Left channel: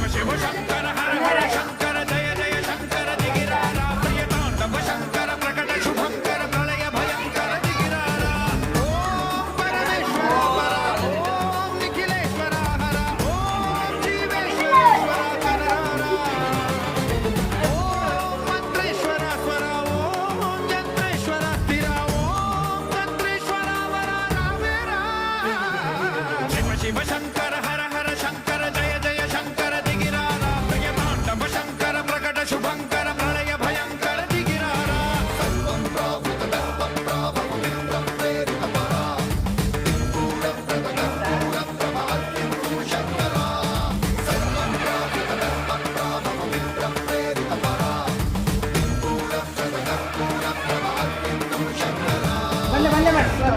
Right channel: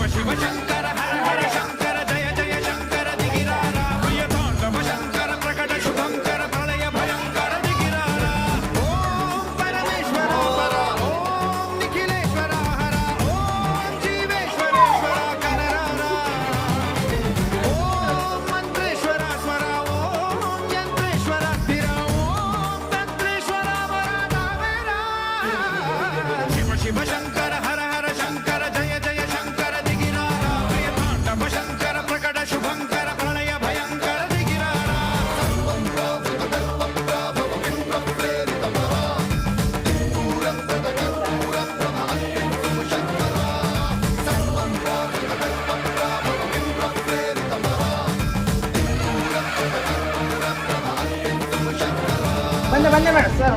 శివ శివ శంకర హర హర శంకర జయ జయ శంకర దిగిరారా ప్రియతాండవ శంకర ప్రకట శుభంకర ప్రళయ భయంకర దిగిరారా ఓం పరమేశ్వర పర ఓం నిఖిలేశ్వర హర ఓం జీవేశ్వరేశ్వర కరరా ఓం మంత్రేశ్వర స్వర ఓం యంత్రేశ్వర స్థిర ఓం తంత్రేశ్వర వర నామేరా శివ శివ శంకర హర హర శంకర జయ జయ శంకర దిగిరారా ప్రియతాండవ శంకర ప్రకట శుభంకర ప్రళయ భయంకర దిగిరారా ಬಂದೆ ಬಂದೆ ಮೇಡಮ್ ಸರ್